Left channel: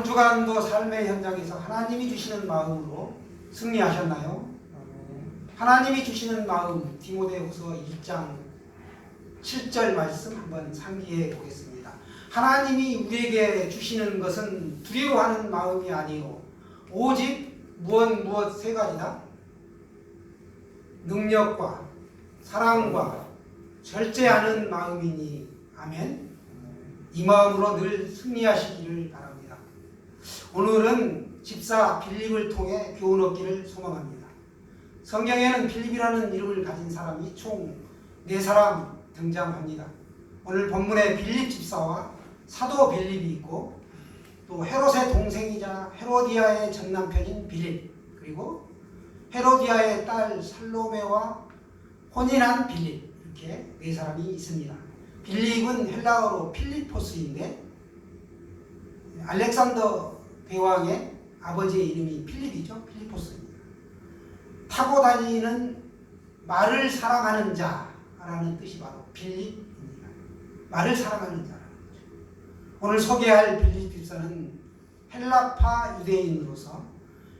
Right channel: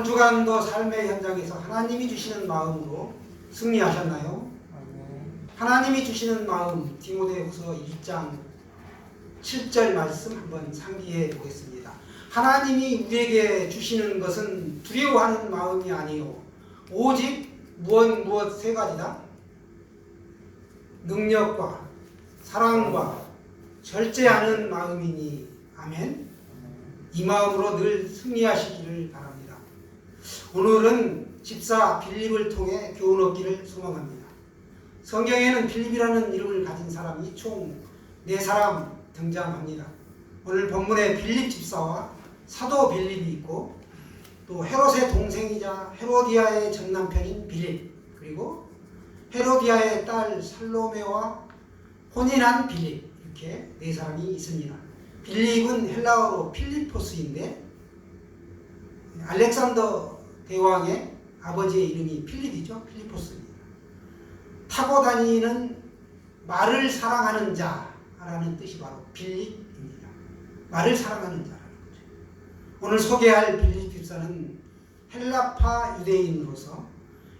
한 주간도 삶의 현장에서 하나님이 주시는 마음으로 승리하셨나요? 하나님이 주시는 마음, 디모데후서 1장 7절 말씀 한번 상기해 보겠습니다. 하나님이 우리에게 주시는 것은 두려워하는 마음이 아니요 오직 무엇 세 가지다. 능력과 사랑과 절제하는 마음이니. 아멘. 이 마음으로 늘 승리하시기를 바랍니다. 오늘은 집사 빌립을 통해 교훈 얻기를 소망합니다. 성경에는 빌립이라는 이름을 가진 사람이 총 4사람 등장합니다. 오늘 본문에 빌립 집사와 사도 빌립이 있고 또 헤롯의 동생이자 헤로디아의 전남편인 빌립, 그리고 헤로디아의 딸 살로메와 혼인한 빌립, 이렇게 4사람이 있습니다. 빌립은 헬라어로 필리포스인데 알렉산더 대왕의 아버지의 이름이 필립이죠. 필리포스입니다. 타고 다니는 말을 사랑하는 자라는 뜻이 바로 빌립입니다. 말을 사랑하는 자라는 거죠. 오늘 소개할 빌립 집사는 헬라파 유대인으로서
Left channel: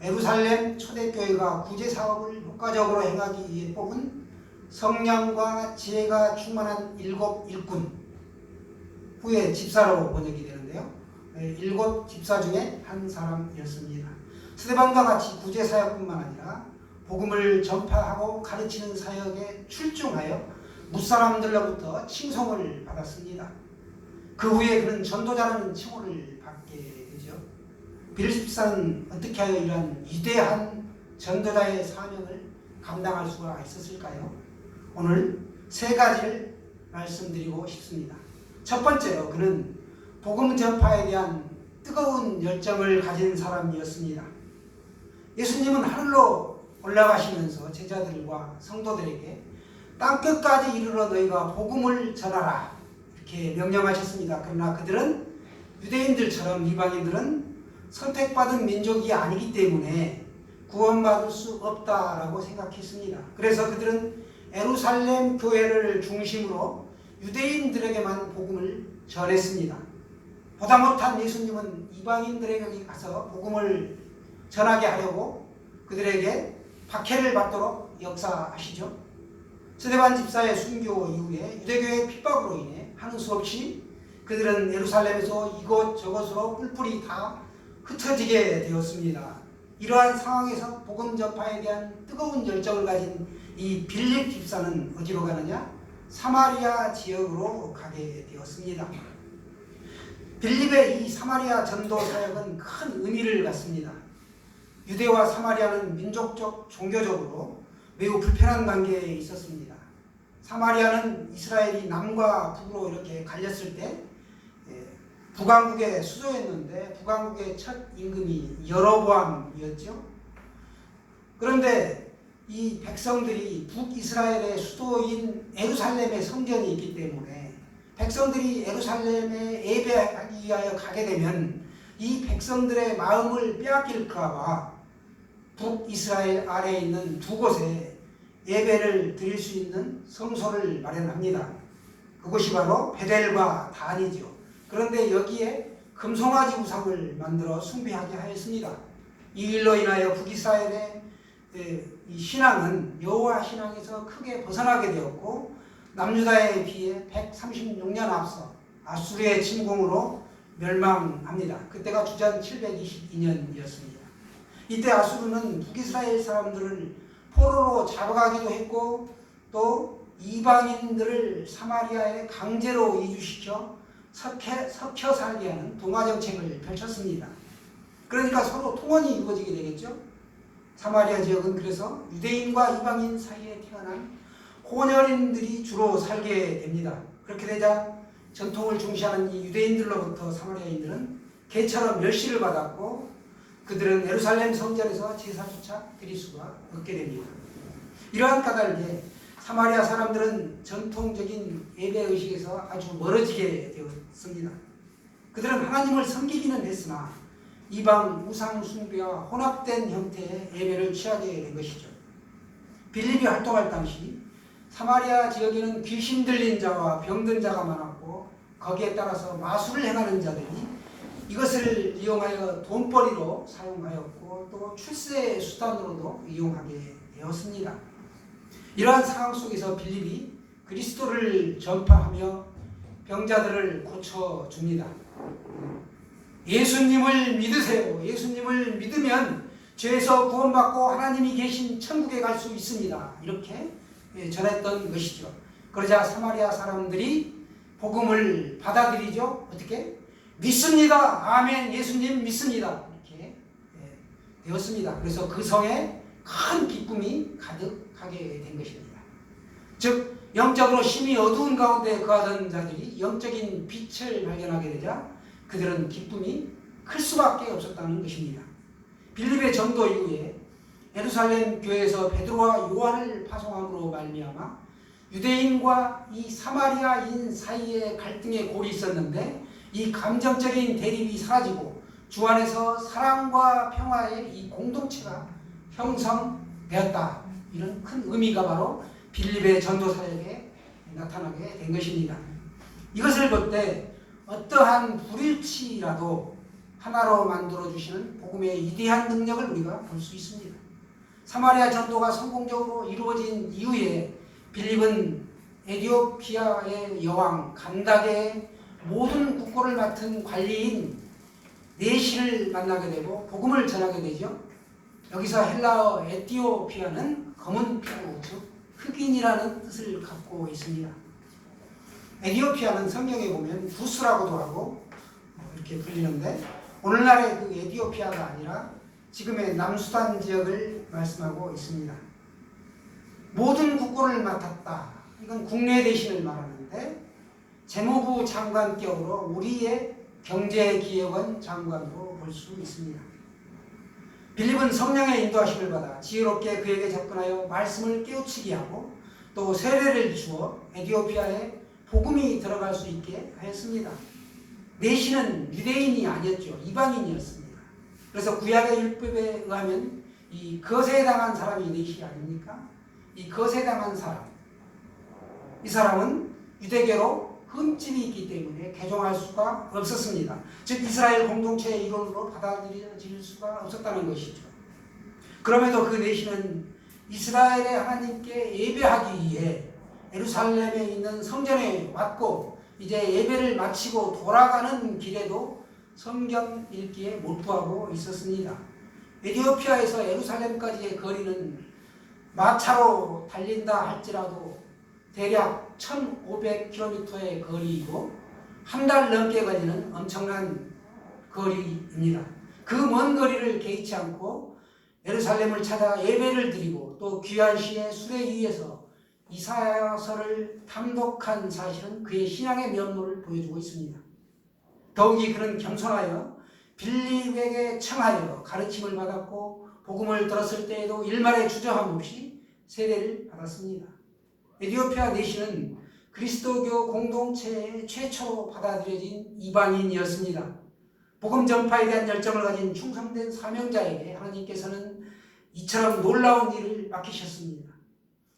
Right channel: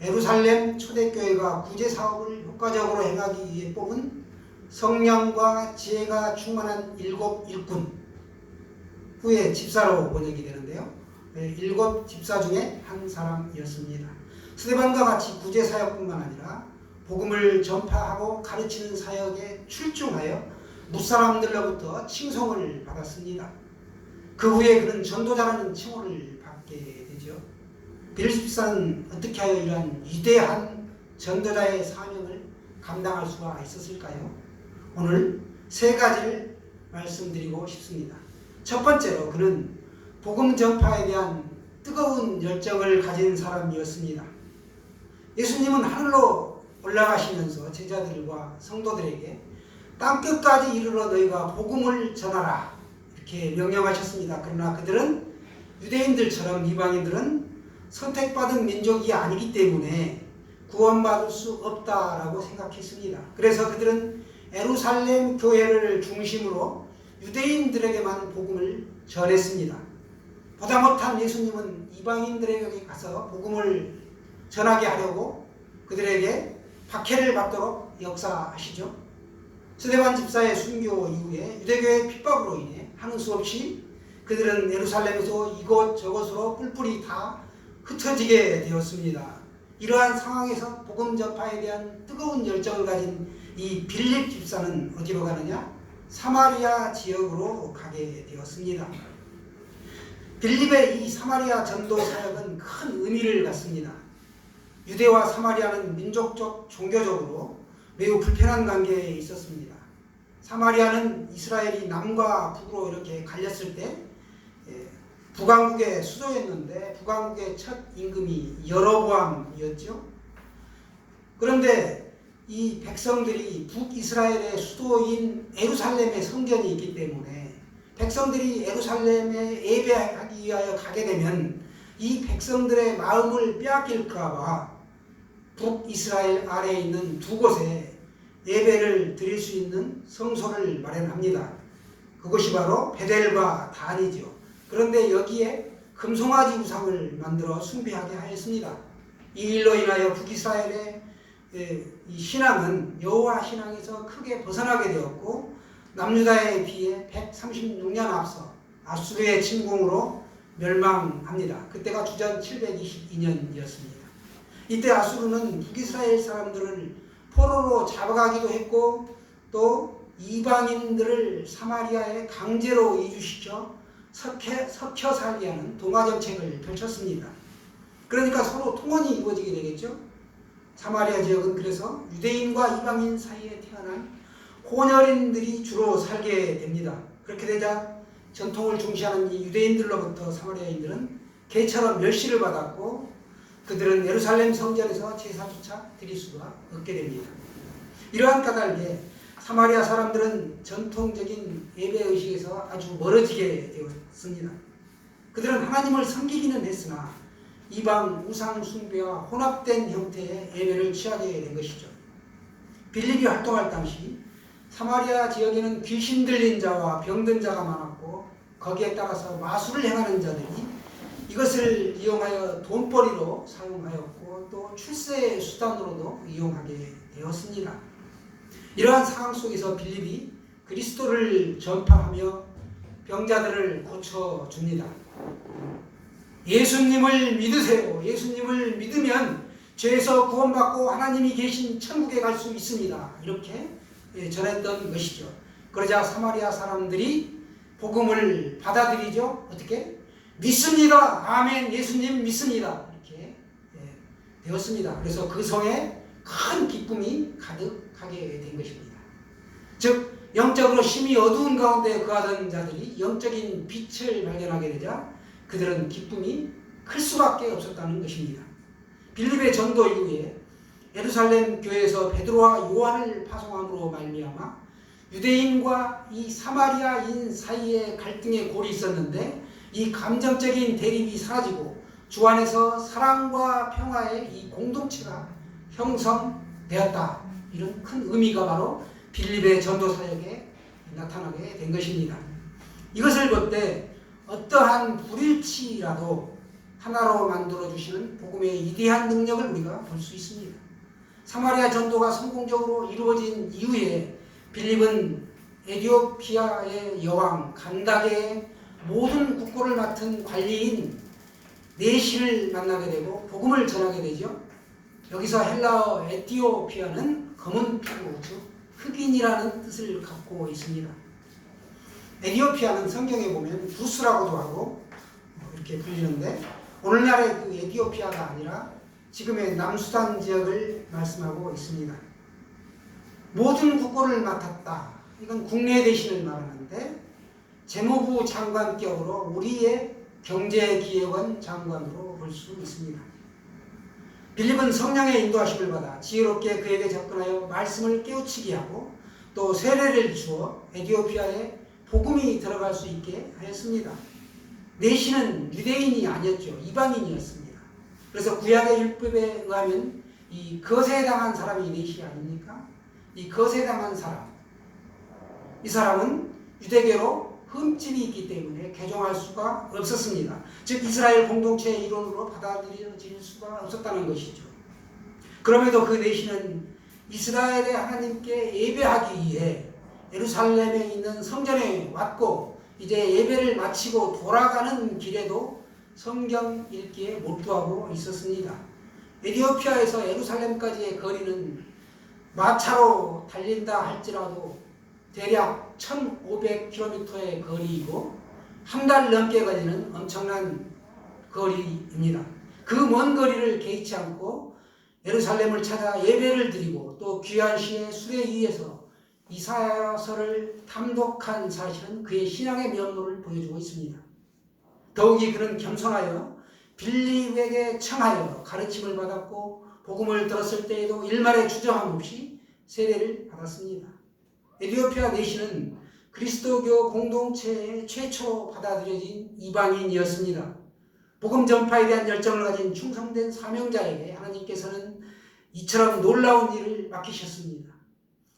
예루살렘 초대교회가 구제사업을 효과적으로 행하기 위해 뽑은 성령과 지혜가 충만한 7 일꾼, 후에 집사로 번역이 되는데요. 7 집사 중에 한 사람이었습니다. 스데반과 같이 구제사역뿐만 아니라 복음을 전파하고 가르치는 사역에 출중하여 무사람들로부터 칭송을 받았습니다. 그 후에 그는 전도자라는 칭호를 받게 되죠. 빌립 집사는 어떻게 하여 이러한 위대한 전도자의 사명을 감당할 수가 있었을까요? 오늘 3가지를 말씀드리고 싶습니다. 첫 번째로 그는 복음 전파에 대한 뜨거운 열정을 가진 사람이었습니다. 예수님은 하늘로 올라가시면서 제자들과 성도들에게 땅끝까지 이르러 너희가 복음을 전하라 이렇게 명령하셨습니다. 그러나 그들은 유대인들처럼 이방인들은 선택받은 민족이 아니기 때문에 구원받을 수 없다라고 생각했습니다. 그래서 그들은 예루살렘 교회를 중심으로 유대인들에게만 복음을 전했습니다. 보다 못한 예수님은 이방인들에게 가서 복음을 전하게 하려고 그들에게 박해를 받도록 역사하시죠. 스데반 집사의 순교 이후에 유대교의 핍박으로 인해 하는 수 없이 그들은 예루살렘에서 이곳저곳으로 뿔뿔이 다 흩어지게 되었습니다. 이러한 상황에서 복음 전파에 대한 뜨거운 열정을 가진 이 빌립 집사는 어디로 가느냐? 사마리아 지역으로 가게 되었습니다. 빌립의 이 사마리아 전도 사역은 큰 의미를 갖습니다. 유대와 사마리아는 민족적, 종교적으로 매우 불편한 관계에 있었습니다. 사마리아는 이스라엘이 남과 북으로 이렇게 갈렸을 때 북왕국의 수도였는데 북왕국의 첫 임금이 여로보암이었죠. 그런데 이 백성들이 북이스라엘의 수도인 예루살렘에 성전이 있기 때문에 백성들이 예루살렘에 예배하기 위하여 가게 되면 이 백성들의 마음을 빼앗길까봐 북이스라엘 아래에 있는 2곳에 예배를 드릴 수 있는 성소를 마련합니다. 그것이 바로 베델과 단이죠. 그런데 여기에 금송아지 우상을 만들어 숭배하게 하였습니다. 이 일로 인하여 북이스라엘의 이 신앙은 여호와 신앙에서 크게 벗어나게 되었고 남유다에 비해 136년 앞서 아수르의 침공으로 멸망합니다. 그때가 주전 722년이었습니다. 이때 아수르는 북이스라엘 사람들을 포로로 잡아가기도 했고 또 이방인들을 사마리아에 강제로 이주시켜 섞여 살게 하는 동화 정책을 펼쳤습니다. 그러니까 서로 통원이 이루어지게 되겠죠. 사마리아 지역은 그래서 유대인과 이방인 사이에 태어난 혼혈인들이 주로 살게 됩니다. 그렇게 되자 전통을 중시하는 이 유대인들로부터 사마리아인들은 개처럼 멸시를 받았고 그들은 예루살렘 성전에서 제사조차 드릴 수가 없게 됩니다. 이러한 까닭에 사마리아 사람들은 전통적인 예배의식에서 아주 멀어지게 되었습니다. 그들은 하나님을 섬기기는 했으나 이방 우상 숭배와 혼합된 형태의 예배를 취하게 된 것이죠. 빌립이 활동할 당시 사마리아 지역에는 귀신 들린 자와 병든 자가 많았고 거기에 따라서 마술을 행하는 자들이 이것을 이용하여 돈벌이로 사용하였고 또 출세 수단으로도 이용하게 되었습니다. 이러한 상황 속에서 빌립이 그리스도를 전파하며 병자들을 고쳐줍니다. 예수님을 믿으세요. 예수님을 믿으면 죄에서 구원받고 하나님이 계신 천국에 갈 수 있습니다. 이렇게 전했던 것이죠. 그러자 사마리아 사람들이 복음을 받아들이죠. 어떻게? 믿습니다. 아멘. 예수님 믿습니다. 이렇게 되었습니다. 그래서 그 성에 큰 기쁨이 가득하게 된 것입니다. 즉 영적으로 심히 어두운 가운데 거하던 자들이 영적인 빛을 발견하게 되자 그들은 기쁨이 클 수밖에 없었다는 것입니다. 빌립의 전도 이후에 예루살렘 교회에서 베드로와 요한을 파송함으로 말미암아 유대인과 이 사마리아인 사이에 갈등의 골이 있었는데 이 감정적인 대립이 사라지고 주 안에서 사랑과 평화의 이 공동체가 형성되었다. 이런 큰 의미가 바로 빌립의 전도 사역에 나타나게 된 것입니다. 이것을 볼 때 어떠한 불일치라도 하나로 만들어주시는 복음의 위대한 능력을 우리가 볼 수 있습니다. 사마리아 전도가 성공적으로 이루어진 이후에 빌립은 에티오피아의 여왕 간다게의 모든 국고를 맡은 관리인 네시를 만나게 되고 복음을 전하게 되죠. 여기서 헬라어 에티오피아는 검은 피부, 즉 흑인이라는 뜻을 갖고 있습니다. 에티오피아는 성경에 보면 부스라고도 하고 이렇게 불리는데 오늘날의 그 에티오피아가 아니라 지금의 남수단 지역을 말씀하고 있습니다. 모든 국고를 맡았다. 이건 국내 대신을 말하는데 재무부 장관격으로 우리의 경제기획원 장관으로 볼 수 있습니다. 빌립은 성령의 인도하심을 받아 지혜롭게 그에게 접근하여 말씀을 깨우치게 하고 또 세례를 주어 에티오피아에 복음이 들어갈 수 있게 하였습니다. 네시는 유대인이 아니었죠. 이방인이었습니다. 그래서 구약의 율법에 의하면 이 거세에 당한 사람이 네시 아닙니까? 이 거세에 당한 사람, 이 사람은 유대교로 흠집이 있기 때문에 개종할 수가 없었습니다. 즉 이스라엘 공동체의 일원으로 받아들여질 수가 없었다는 것이죠. 그럼에도 그 네시는 이스라엘의 하나님께 예배하기 위해 예루살렘에 있는 성전에 왔고 이제 예배를 마치고 돌아가는 길에도 성경 읽기에 몰두하고 있었습니다. 에티오피아에서 예루살렘까지의 거리는 마차로 달린다 할지라도 대략 1500km의 거리이고 한 달 넘게 걸리는 엄청난 거리입니다. 그 먼 거리를 개의치 않고 예루살렘을 찾아 예배를 드리고 또 귀한 시의 수레 위에서 이사야서를 탐독한 사실은 그의 신앙의 면모를 보여주고 있습니다. 더욱이 그는 겸손하여 빌립에게 청하여 가르침을 받았고 복음을 들었을 때에도 일말의 주저함 없이 세례를 받았습니다. 에티오피아 네시는 그리스도교 공동체의 최초로 받아들여진 이방인이었습니다. 복음 전파에 대한 열정을 가진 충성된 사명자에게 하나님께서는 이처럼 놀라운 일을 맡기셨습니다.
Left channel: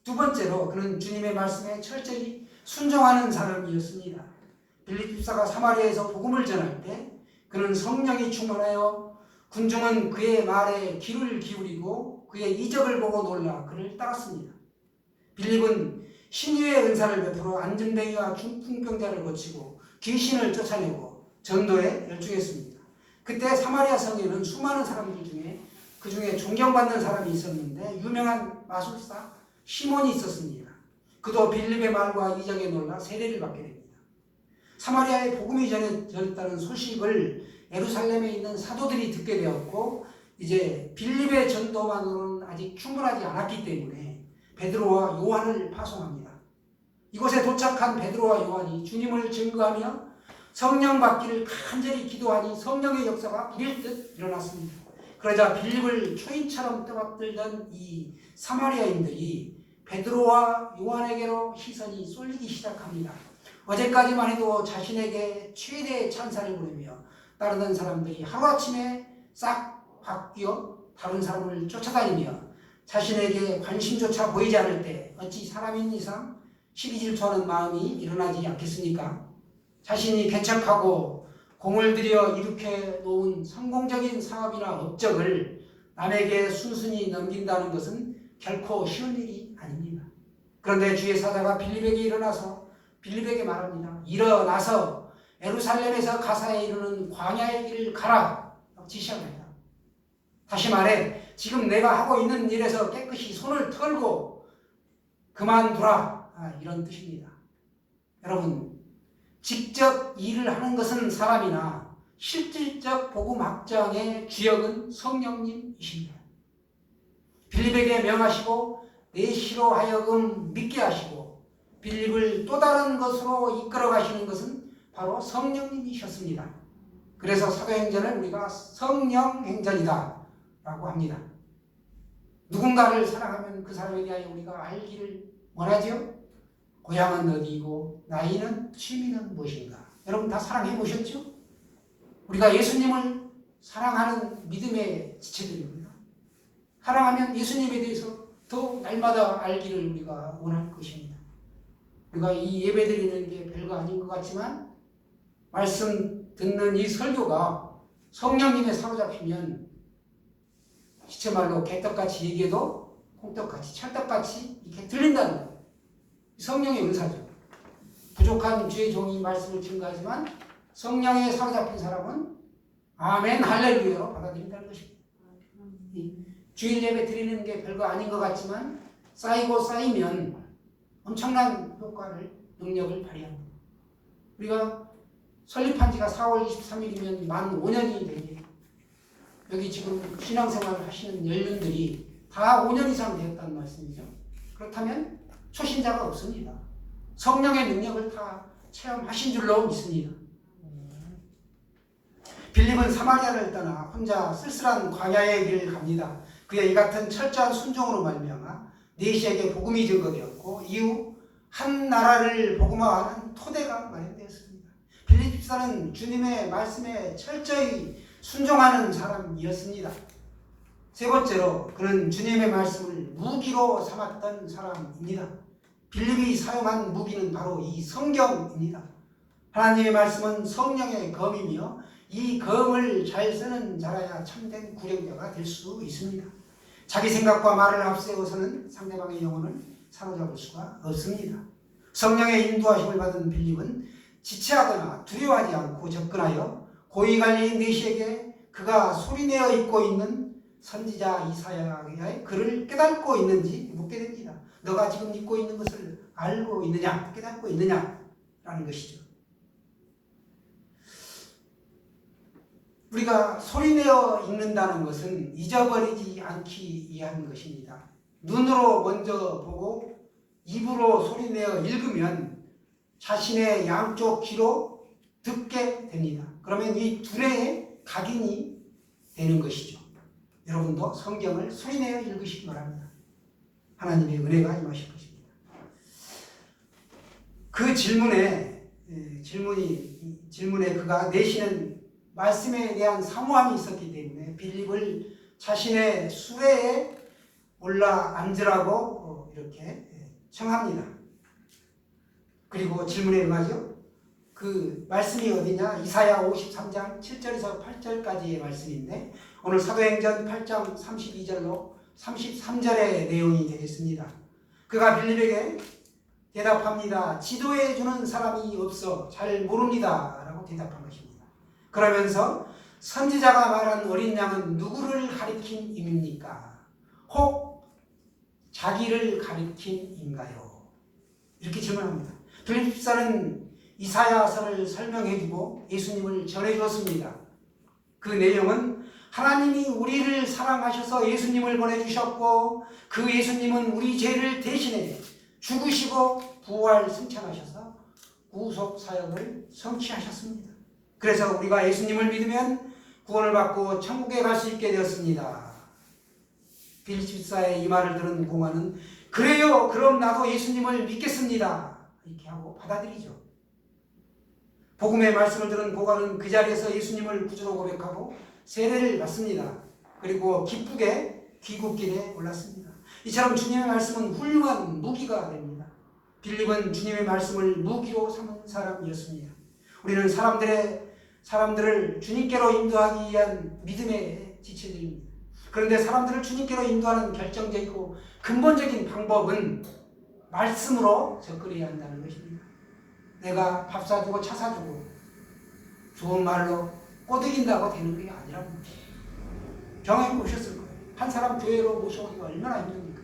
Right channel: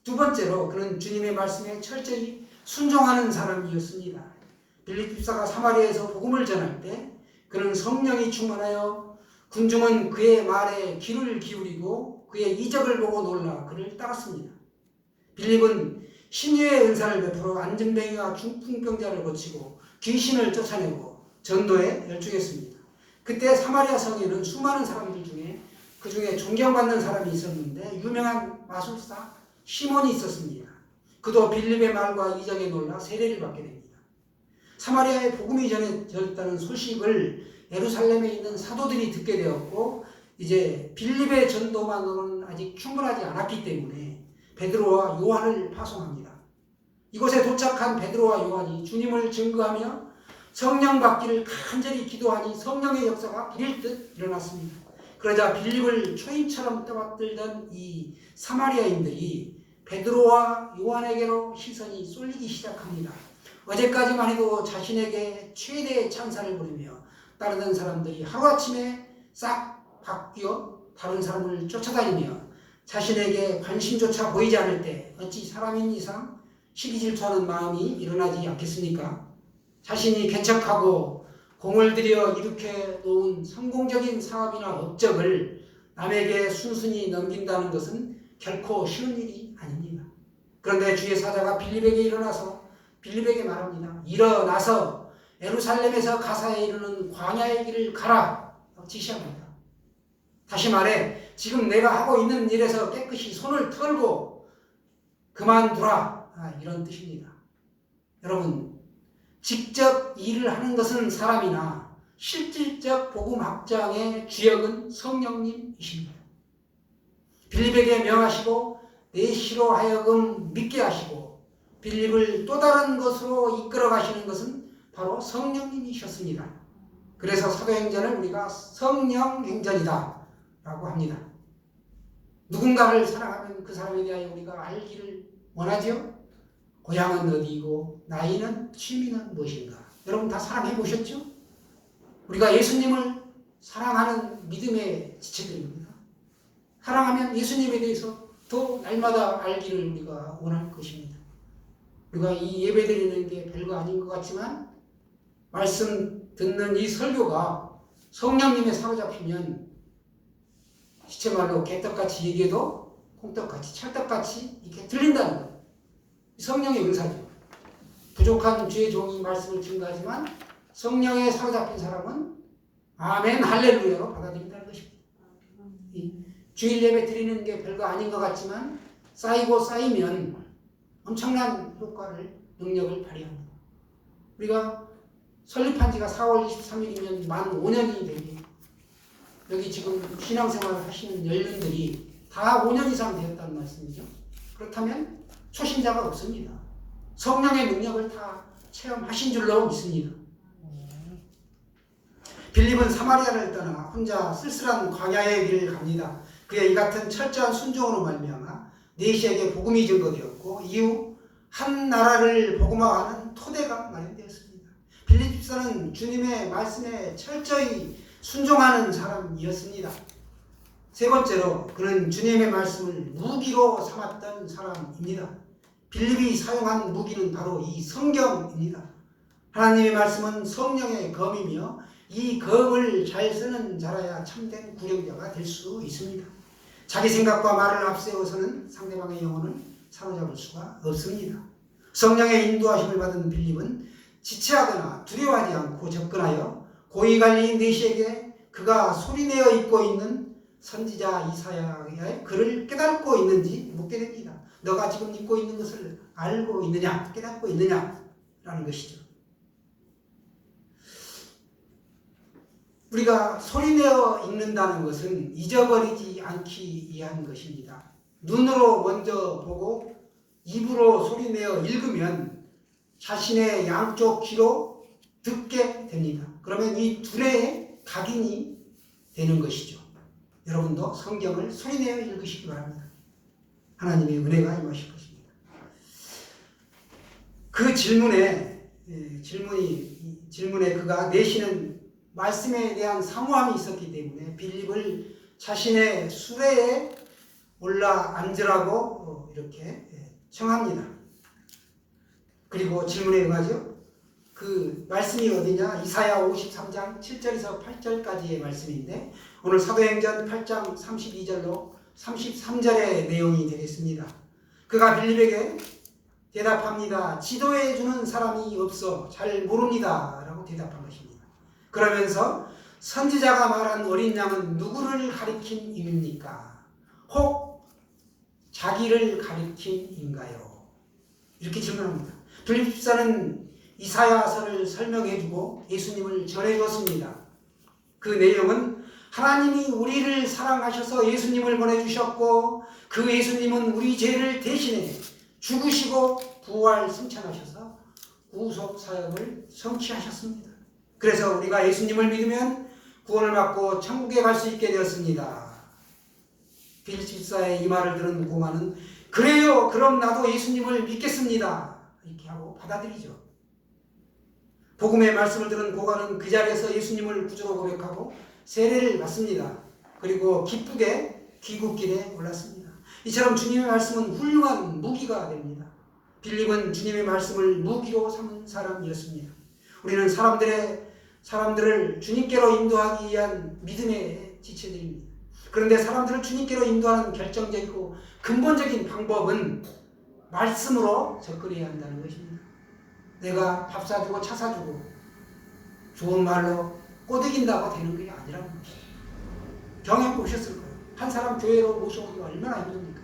두 번째로 그는 주님의 말씀에 철저히 순종하는 사람이었습니다. 빌립 집사가 사마리아에서 복음을 전할 때 그는 성령이 충만하여 군중은 그의 말에 귀를 기울이고 그의 이적을 보고 놀라 그를 따랐습니다. 빌립은 신유의 은사를 베풀어 안진뱅이와 중풍병자를 고치고 귀신을 쫓아내고 전도에 열중했습니다. 그때 사마리아 성에는 수많은 사람들 중에 그 중에 존경받는 사람이 있었는데 유명한 마술사 시몬이 있었습니다. 그도 빌립의 말과 이적에 놀라 세례를 받게 됩니다. 사마리아에 복음이 전했다는 소식을 예루살렘에 있는 사도들이 듣게 되었고 이제 빌립의 전도만으로는 아직 충분하지 않았기 때문에 베드로와 요한을 파송합니다. 이곳에 도착한 베드로와 요한이 주님을 증거하며 성령 받기를 간절히 기도하니 성령의 역사가 비릴듯 일어났습니다. 그러자 빌립을 초인처럼 떠받들던 이 사마리아인들이 베드로와 요한에게로 시선이 쏠리기 시작합니다. 어제까지만 해도 자신에게 최대의 찬사를 보내며 따르던 사람들이 하루아침에 싹 바뀌어 다른 사람을 쫓아다니며 자신에게 관심조차 보이지 않을 때 어찌 사람인 이상 시기 질투하는 마음이 일어나지 않겠습니까? 자신이 개척하고 공을 들여 일으켜 놓은 성공적인 사업이나 업적을 남에게 순순히 넘긴다는 것은 결코 쉬운 일이 아닙니다. 그런데 주의 사자가 빌립에게 일어나서 빌립에게 말합니다. 일어나서 예루살렘에서 가사에 이르는 광야의 길을 가라 지시합니다. 다시 말해 지금 내가 하고 있는 일에서 깨끗이 손을 털고 그만두라 이런 뜻입니다. 여러분 직접 일을 하는 것은 사람이나 실질적 복음 확장의 주역은 성령님이십니다. 빌립에게 명하시고 내시로 하여금 믿게 하시고 빌립을 또 다른 것으로 이끌어 가시는 것은 바로 성령님이셨습니다. 그래서 사도행전을 우리가 성령행전이다 라고 합니다. 누군가를 사랑하면 그 사람에 대하여 우리가 알기를 원하죠? 고향은 어디이고 나이는 취미는 무엇인가? 여러분 다 사랑해 보셨죠? 우리가 예수님을 사랑하는 믿음의 지체들입니다. 사랑하면 예수님에 대해서 더 날마다 알기를 우리가 원할 것입니다. 우리가 이 예배 드리는 게 별거 아닌 것 같지만 말씀 듣는 이 설교가 성령님에 사로잡히면 시체말로 개떡같이 얘기해도 콩떡같이 찰떡같이 이렇게 들린다는 거예요. 성령의 은사죠. 부족한 주의 종이 말씀을 증거하지만 성령에 사로잡힌 사람은 아멘 할렐루야로 받아들인다는 것입니다. 주일 예배 드리는 게 별거 아닌 것 같지만 쌓이고 쌓이면 엄청난 효과를 능력을 발휘합니다. 우리가 설립한 지가 4월 23일이면 만 5년이 되게 여기 지금 신앙생활을 하시는 연륜들이 다 5년 이상 되었다는 말씀이죠. 그렇다면 초신자가 없습니다. 성령의 능력을 다 체험하신 줄로 믿습니다. 빌립은 사마리아를 떠나 혼자 쓸쓸한 광야의 길을 갑니다. 그의 이 같은 철저한 순종으로 말미암아 내시에게 복음이 증거되었고 이후 한 나라를 복음화하는 토대가 마련되었습니다. 빌립 집사는 주님의 말씀에 철저히 순종하는 사람이었습니다. 세 번째로 그는 주님의 말씀을 무기로 삼았던 사람입니다. 빌립이 사용한 무기는 바로 이 성경입니다. 하나님의 말씀은 성령의 검이며 이 검을 잘 쓰는 자라야 참된 구령자가 될 수 있습니다. 자기 생각과 말을 앞세워서는 상대방의 영혼을 사로잡을 수가 없습니다. 성령의 인도하심을 받은 빌립은 지체하거나 두려워하지 않고 접근하여 고위관리인 내시에게 그가 소리내어 읽고 있는 선지자 이사야의 글을 깨닫고 있는지 묻게 됩니다. 너가 지금 읽고 있는 것을 알고 있느냐, 깨닫고 있느냐라는 것이죠. 우리가 소리내어 읽는다는 것은 잊어버리지 않기 위한 것입니다. 눈으로 먼저 보고 입으로 소리내어 읽으면 자신의 양쪽 귀로 듣게 됩니다. 그러면 이 둘의 각인이 되는 것이죠. 여러분도 성경을 소리내어 읽으시기 바랍니다. 하나님의 은혜가 임하실 것입니다. 그 질문에 그가 내시는 말씀에 대한 사모함이 있었기 때문에 빌립을 자신의 수레에 올라 앉으라고 이렇게 청합니다. 그리고 질문에 응하죠. 그 말씀이 어디냐? 이사야 53장 7절에서 8절까지의 말씀인데 오늘 사도행전 8장 32절로 33절의 내용이 되겠습니다. 그가 빌립에게 대답합니다. 지도해 주는 사람이 없어 잘 모릅니다 라고 대답한 것입니다. 그러면서 선지자가 말한 어린 양은 누구를 가리킨 임입니까? 혹 자기를 가리킨 인가요? 이렇게 질문합니다. 빌립 집사는 이사야서를 설명해주고 예수님을 전해주었습니다. 그 내용은 하나님이 우리를 사랑하셔서 예수님을 보내주셨고 그 예수님은 우리 죄를 대신해 죽으시고 부활 승천하셔서 구속 사역을 성취하셨습니다. 그래서 우리가 예수님을 믿으면 구원을 받고 천국에 갈 수 있게 되었습니다. 빌립 집사의 이 말을 들은 공안은 그래요, 그럼 나도 예수님을 믿겠습니다 이렇게 하고 받아들이죠. 복음의 말씀을 들은 고관은 그 자리에서 예수님을 구주로 고백하고 세례를 받습니다. 그리고 기쁘게 귀국길에 올랐습니다. 이처럼 주님의 말씀은 훌륭한 무기가 됩니다. 빌립은 주님의 말씀을 무기로 삼은 사람이었습니다. 우리는 사람들의 사람들을 주님께로 인도하기 위한 믿음의 지체들입니다. 그런데 사람들을 주님께로 인도하는 결정적이고 근본적인 방법은 말씀으로 접근해야 한다는 것입니다. 내가 밥 사주고 차 사주고 좋은 말로 꼬드긴다고 되는 게 아니라는 거예요. 경험해 보셨을 거예요. 한 사람 교회로 모셔오기가 얼마나 힘듭니까?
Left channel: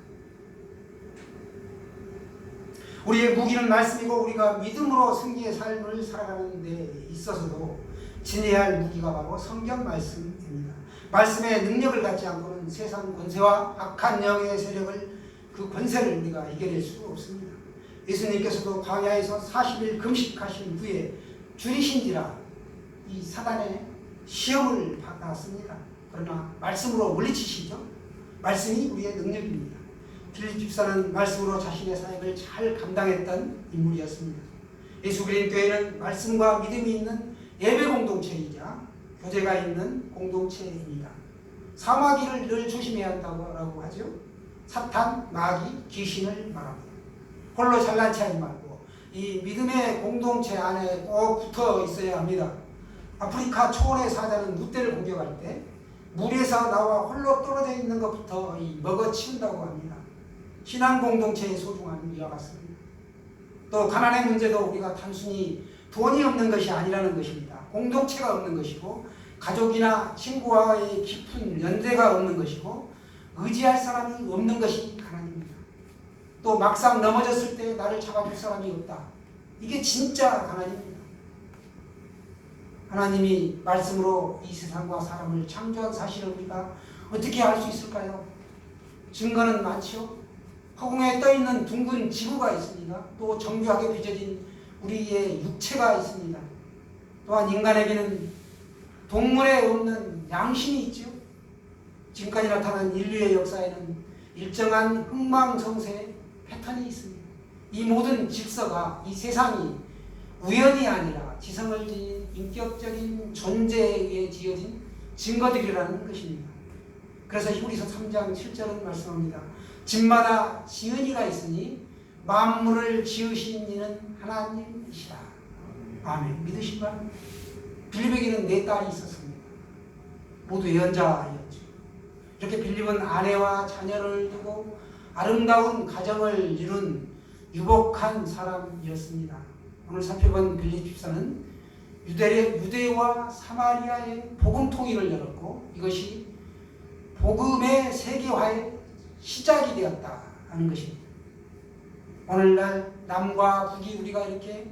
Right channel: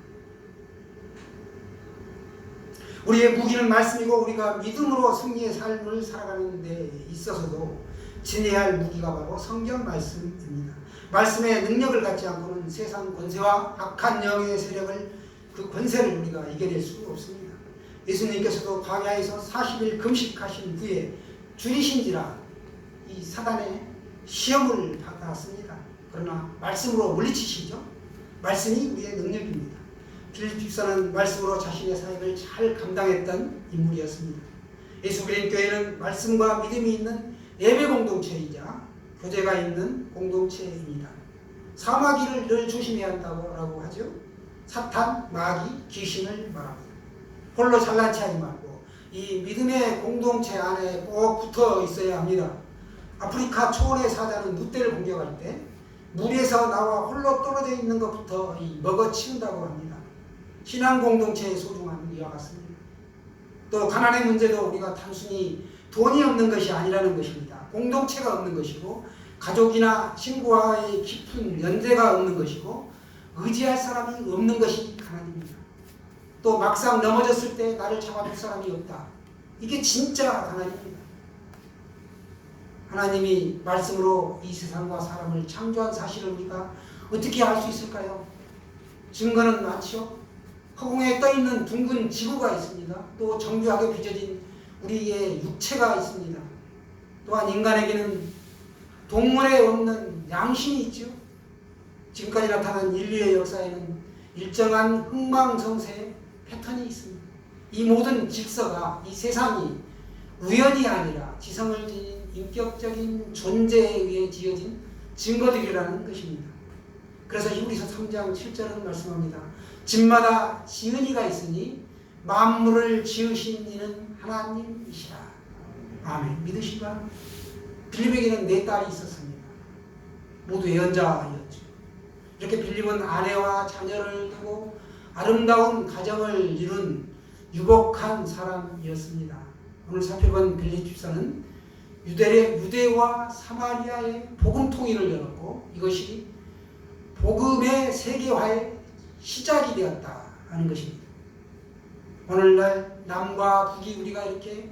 우리의 무기는 말씀이고 우리가 믿음으로 승리의 삶을 살아가는 데 있어서도 지녀야 할 무기가 바로 성경 말씀입니다. 말씀의 능력을 갖지 않고는 세상 권세와 악한 영의 세력을 그 권세를 우리가 이겨낼 수가 없습니다. 예수님께서도 광야에서 40일 금식하신 후에 줄이신지라 이 사단의 시험을 받았습니다. 그러나 말씀으로 물리치시죠. 말씀이 우리의 능력입니다. 빌립 집사는 말씀으로 자신의 사역을 잘 감당했던 인물이었습니다. 예수 그리스도 교회는 말씀과 믿음이 있는 예배 공동체이자 교제가 있는 공동체입니다. 사마귀를 늘 조심해야 한다고 하죠. 사탄, 마귀, 귀신을 말합니다. 홀로 잘난 체하지 말고 이 믿음의 공동체 안에 꼭 붙어 있어야 합니다. 아프리카 초원의 사자는 늑대를 공격할 때 물에서 나와 홀로 떨어져 있는 것부터 먹어치운다고 합니다. 신앙 공동체의 소중함은 이와 같습니다. 또 가난의 문제도 우리가 단순히 돈이 없는 것이 아니라는 것입니다. 공동체가 없는 것이고 가족이나 친구와의 깊은 연대가 없는 것이고 의지할 사람이 없는 것이 가난입니다. 또 막상 넘어졌을 때 나를 잡아줄 사람이 없다. 이게 진짜 가난입니다. 하나님이 말씀으로 이 세상과 사람을 창조한 사실을 우리가 어떻게 알 수 있을까요? 증거는 많죠. 허공에 떠있는 둥근 지구가 있습니다. 또 정교하게 빚어진 우리의 육체가 있습니다. 또한 인간에게는 동물에 없는 양심이 있죠. 지금까지 나타난 인류의 역사에는 일정한 흥망성쇠의 패턴이 있습니다. 이 모든 질서가 이 세상이 우연이 아니라 지성을 지닌 인격적인 존재에 의해 지어진 증거들이라는 것입니다. 그래서 히브리서 3장 7절은 말씀합니다. 집마다 지은이가 있으니 만물을 지으신 이는 하나님이시라. 아멘. 믿으신가? 빌립에게는 4딸이 있었습니다. 모두 예언자였죠. 이렇게 빌립은 아내와 자녀를 두고 아름다운 가정을 이룬 유복한 사람이었습니다. 오늘 살펴본 빌립 집사는 유대와 사마리아의 복음 통일을 열었고 이것이 복음의 세계화의 시작이 되었다는 것입니다. 오늘날 남과 북이 우리가 이렇게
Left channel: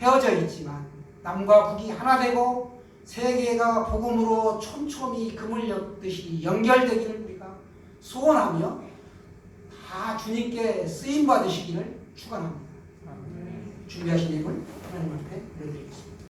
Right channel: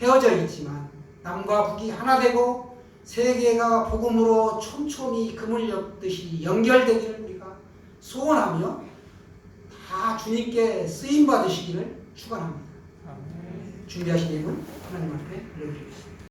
헤어져 있지만 남과 북이 하나 되고 세계가 복음으로 촘촘히 금을 엮듯이 연결되기를 우리가 소원하며 다 주님께 쓰임 받으시기를 축원합니다. 준비하신 예물 하나님 앞에 올려드리겠습니다.